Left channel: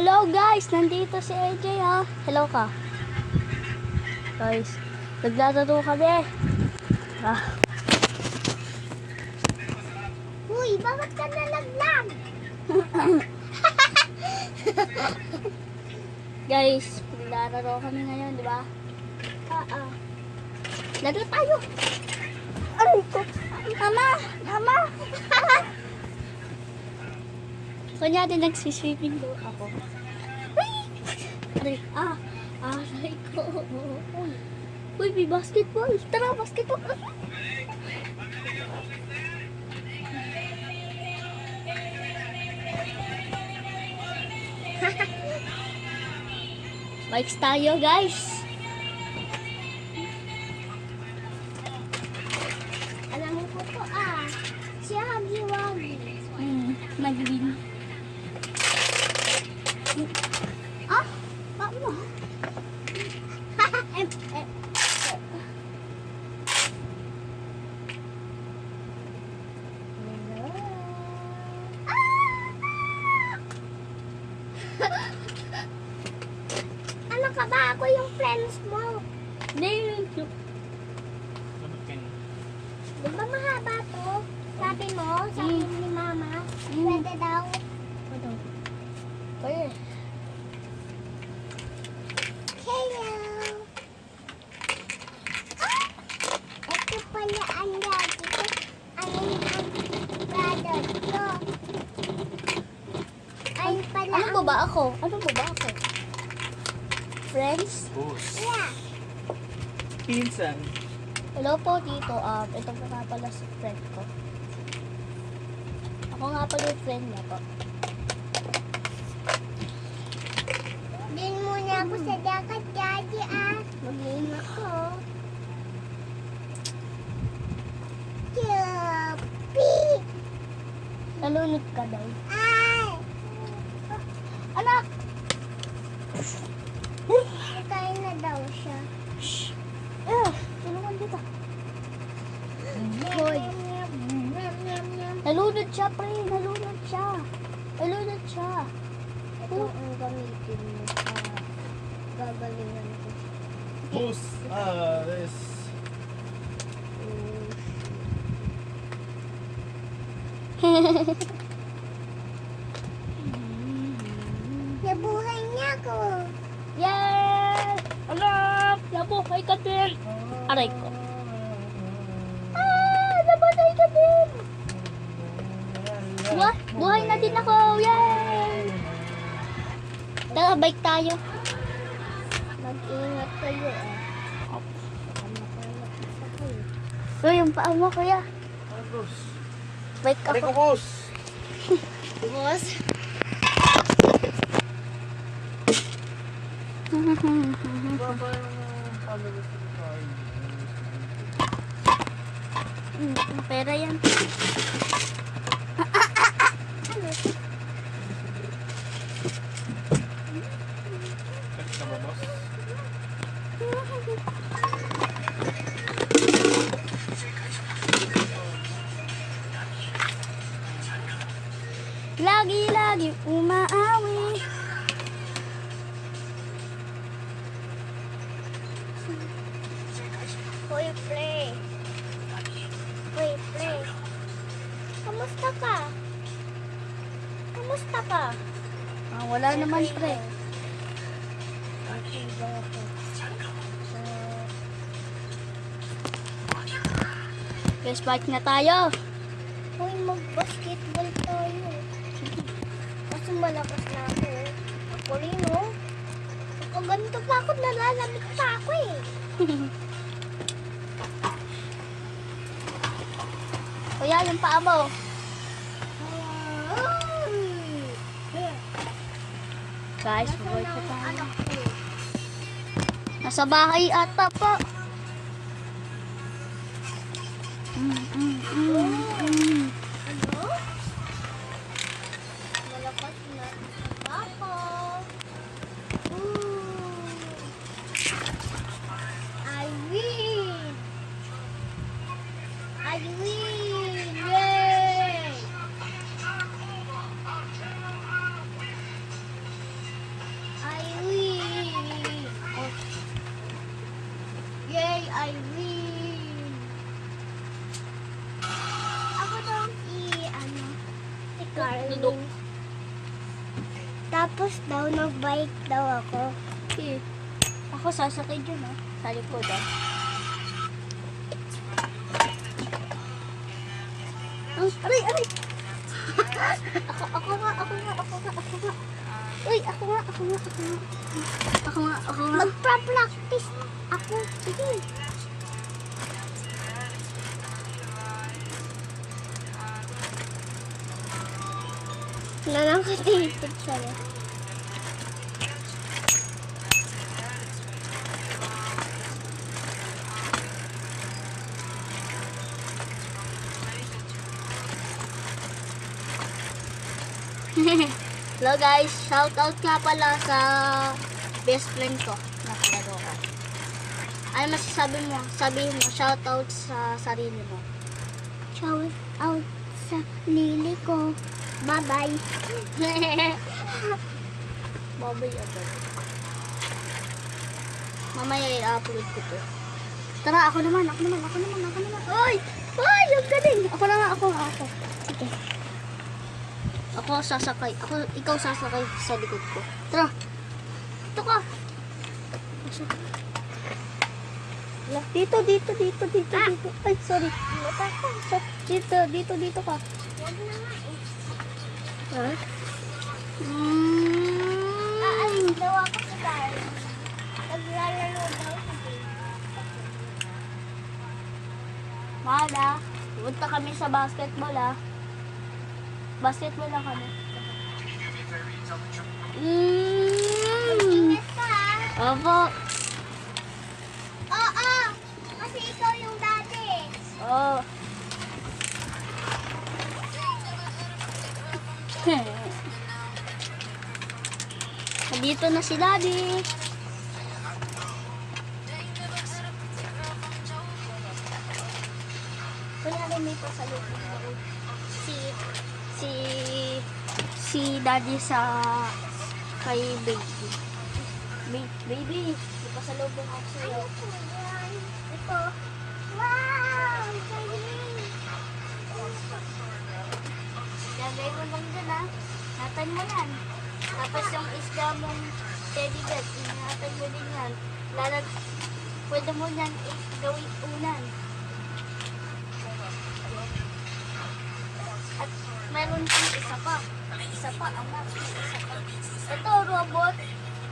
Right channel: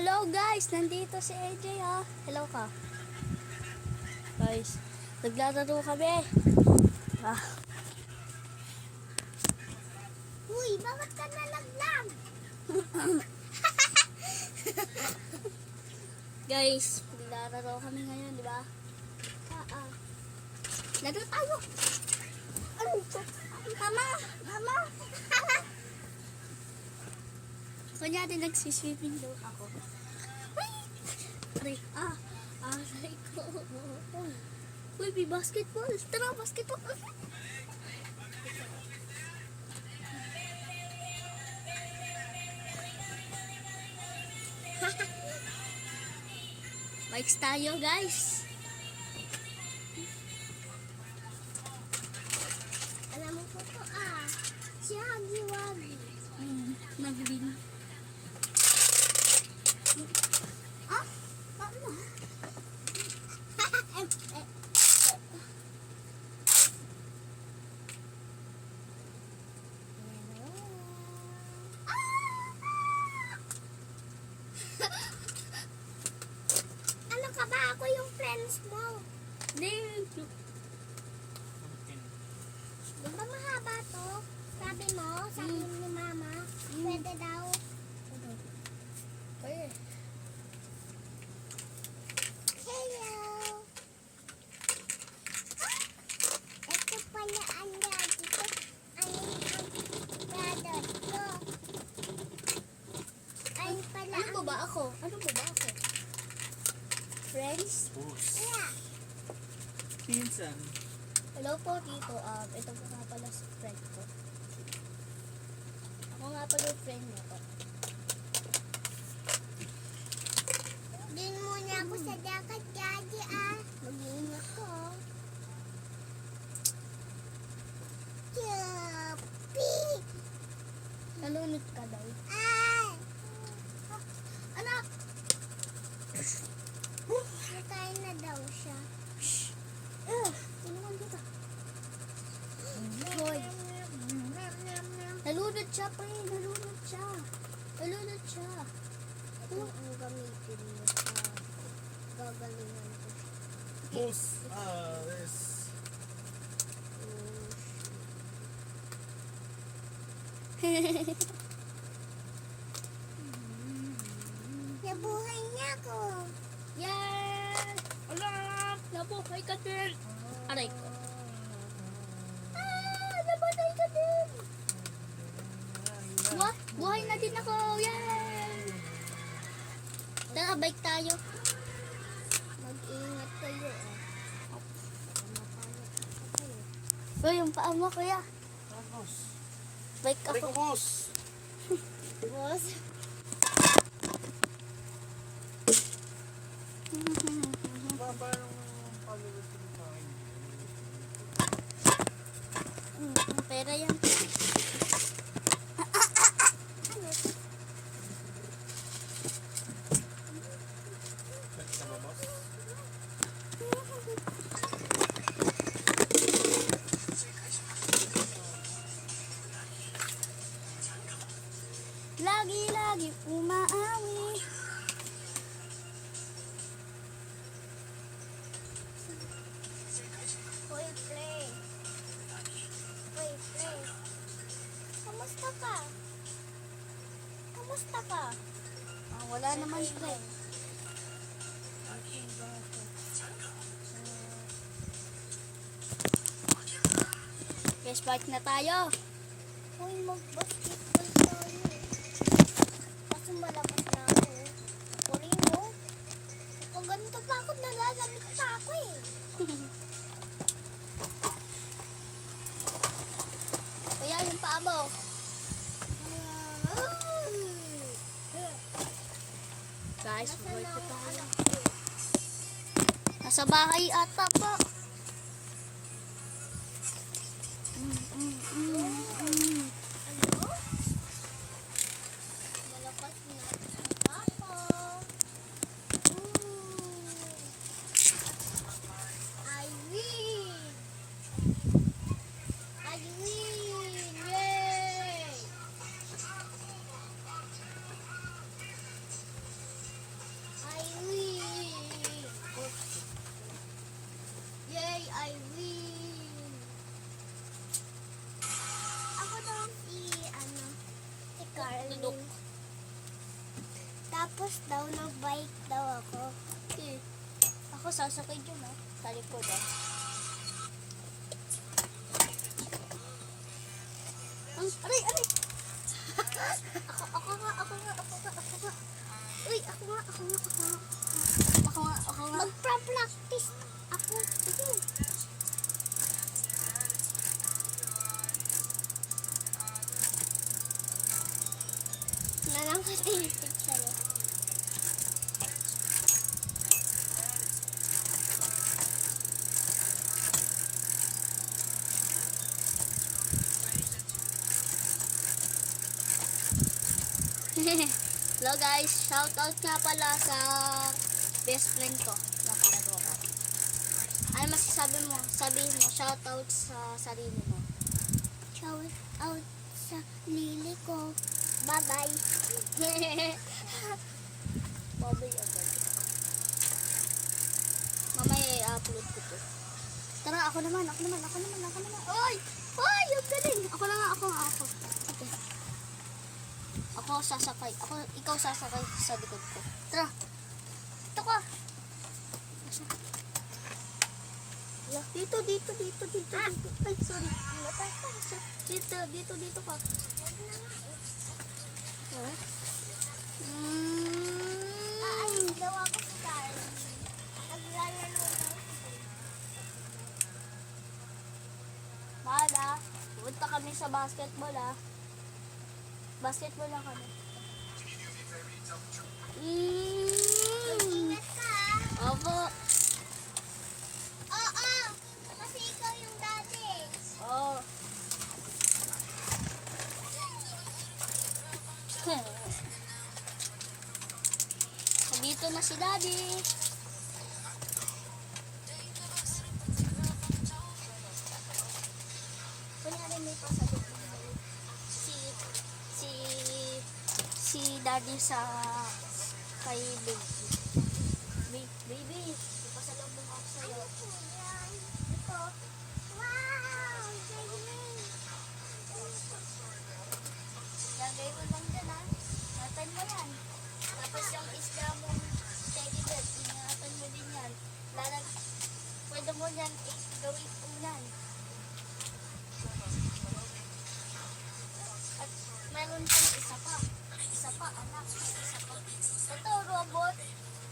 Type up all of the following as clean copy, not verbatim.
Hello guys, nandito si AJ ha. Hello ka. Guys, naglalaro kami. Ah. Uy, bakit ka nalaglag? Guys, naglalaro kami ngayon, di ba? Laro tayo. Aray ko. Mama, mama. Kunyari nagsiswimming daw ako. Aray, aray ko. Uy, may basketball. Tara, basketball. Bikes tayo, guys. Alam mo ko to si Hagi-Wagi. Nag-win. Paano? Ano ka ba? Ako yung friends mo. Di ba mahaba to? Sabi mo, sabi ni Mama, pwede daw. Kaya. Hello! Ito pala ang daddy ko. Ayun ang brother ko. Ayun pala Ano po ba ako? Ano po ba ako? Friends? Yeah. Pinsan. Hello po dito. Ito po nga pala si friend ko. Ako nga pala yung friend niya po. Doon muna ako sa dagat, daddy Mag-game ako. Yuppie! Nalunod ka daw. Ay! Anak! Nakain na daw siya. Tulungan dito. Hoy. Nalunod siya, pre. Nalunod siya. Nalunod siya. Ito ang gamitin mo. Gagalingan ko. Puss. This. Nabuhay niya ako. Yes! Anak! Nabuhay ka din! Aray ko. Nabuhay ka din! Buhay na din ako! Yay! Tara, bike tayo. Mag-ingat kayo Uy, yung paa mo, kuya. Puss. Bike Aray ko, ako. Puss. Boss. Pera yan. Sa ba, boss? Lagi-lagi umaawi. Hoy, play. Hoy, play. Kamusta ka? Kamusta ka? Wala naman, pre. Okay ba ako? Guys, bike na tayo. Hoy, mag-basketball tayo. Kasi malakas na ako. Ako rin, no? Kung ganito pa ako, nalalamig pa ako Kuya, yung paa mo. Guys, buhay pa tayo. Anak ko. Nasa bahay ata po. Ano? Malakas na ako. I win! I win! Yay! Tapos daw, nag-bike daw ako. Okay. Ako sasakay dyan ah. Sa likod ah. Aray, aray! ako nga. Uy, ako nga. Magpa-practice ako. Sige. Nanangkatipid siya. Hello guys, shout out nga pala sa best friend ko. Nakalaro ko. Ano masasabi mo? Sabihin mo, shout out sa sarili mo. Shout out sa lili ko. Bye-bye. Babay agad. Mamaya i-upload ko to. Tara, ako naman. Oy! Oy! Ang galing! Ako. Sige. Ako sasakay. Ikaw sasakay sa likod ko. Tara! Ito ka! Dito. Ay, sorry. Dito ka. Ha? Aalis daw ako sa tayo. Naglalaro daw ako. Mahal ah. Punta kami sa basketball ah. Basketball lang kami. Ingat ka ha. Opo. Oo. Kasi ikaw yung dati. Oh. Nandito na si Daddy. Wala rin may pasalubong ako. Si Daddy sa kay Baby. Baby, may pasalubong ako sa'yo. Ito. Wow! Galing! Lagay mo lang dyan ah. Ingatan mo yan. Tapos yung isda mong teddy bear, ingatan mo din yan. Pwede mo yan gawing unan. At meron pang isa pa. Anak. Isa pa. Ito, robot.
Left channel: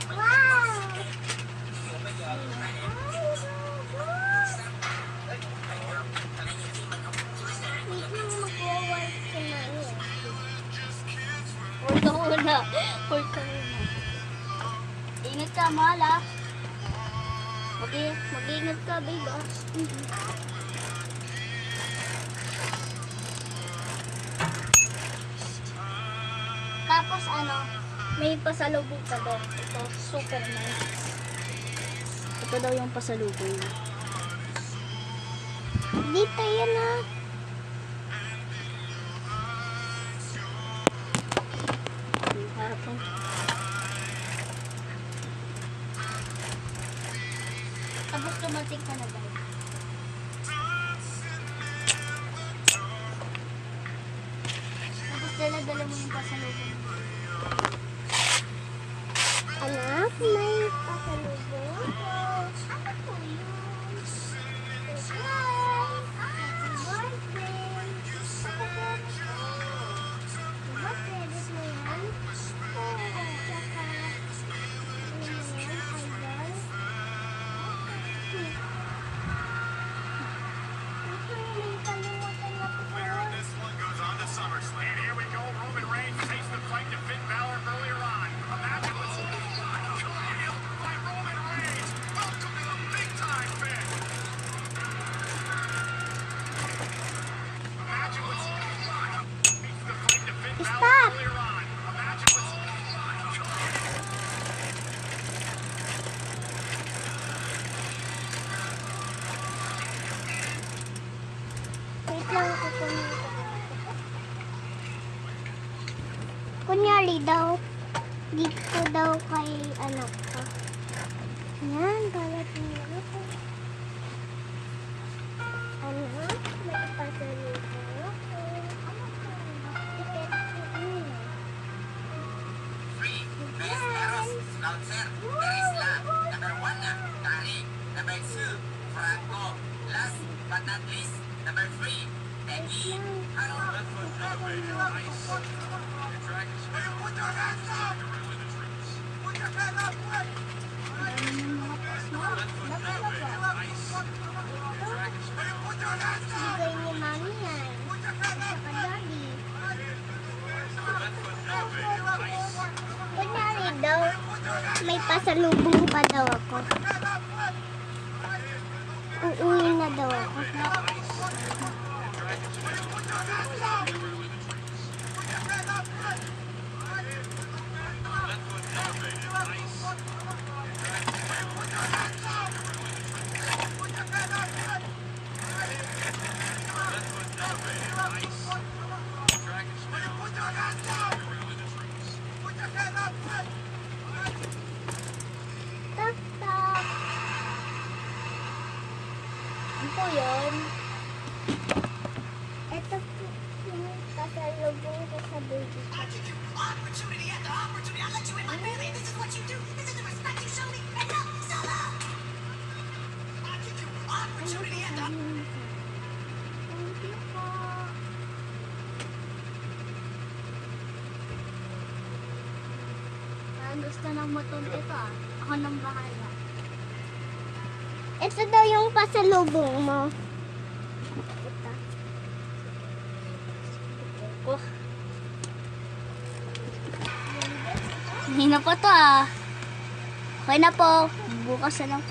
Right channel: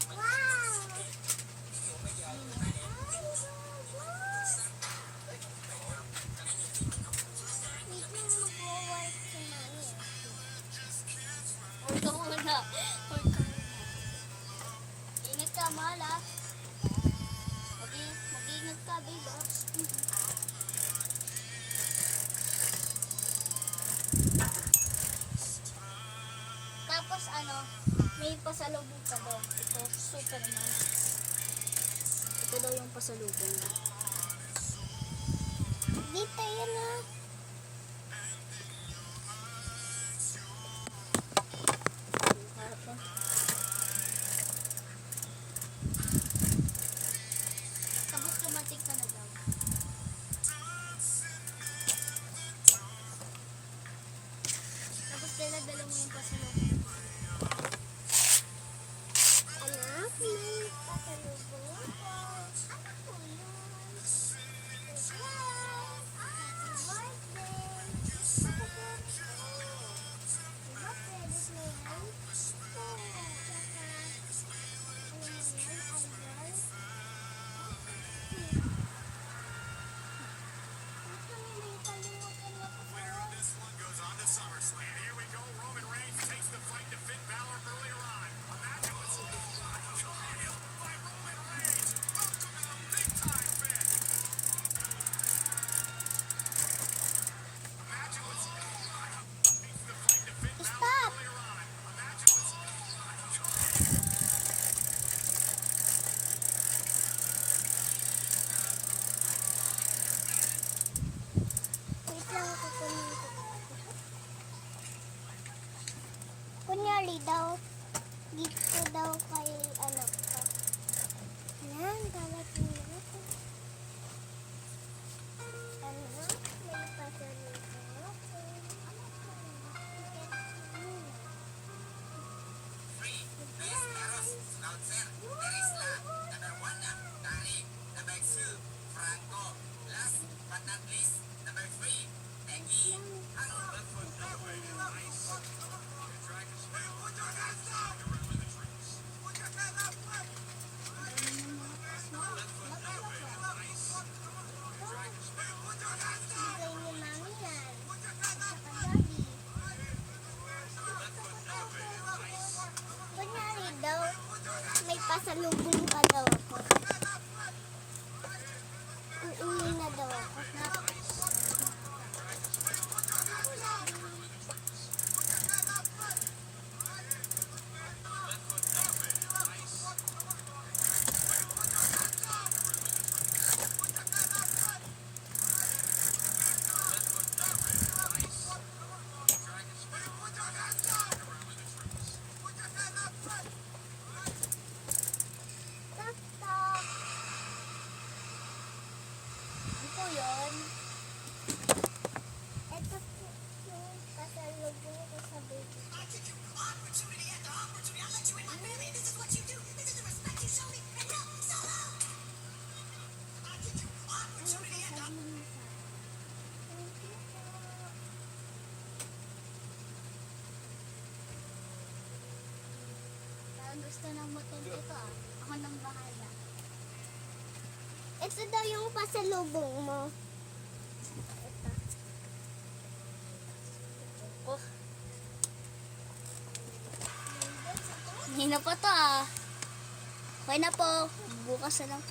Wow! Wait lang, mag-work si Mami. Hold ka muna. Ingat ka, mahal ah. Mag-ingat ka, babe ah. Tapos may pasalubong ka daw. Ito, super nice. Ito daw yung pasalubong. Dito yan ha. Yung harapang. Tapos dumating ka na daw. Tapos dala-dala mo yung pasalubong. Anak, may pasalubong ako. Ano po yun? Surprise! Happy birthday! Birthday, gusto mo yan? Oo, tsaka yun yan, idol. Ito yung kalimutan na po. This one goes on to SummerSlam. Here we go. Roman Reigns takes the fight to Finn Balor earlier on. Imagine what's by Roman Reigns. Welcome to the big time, Finn. Imagine what's takes the fight to Finn Balor Stop! earlier on. Imagine what's Wait lang, kukunin ko. Kunyari daw, dito daw kay anak ko. Yan, balat niya ako. Anak, may pasalubong ako. Tiket ko yun. May pasalubong pa daw ako. Uuwi na daw ako. Tak tak. Ano po yun? Ito po yung pasalubong ko sa baby. Thank you po. Parang gusto ng motor ito ah. Ako nang bahala. Ito daw yung pasalubong mo. Ito. Oh. Hindi na po to ah. Okay na po. Bukas na lang.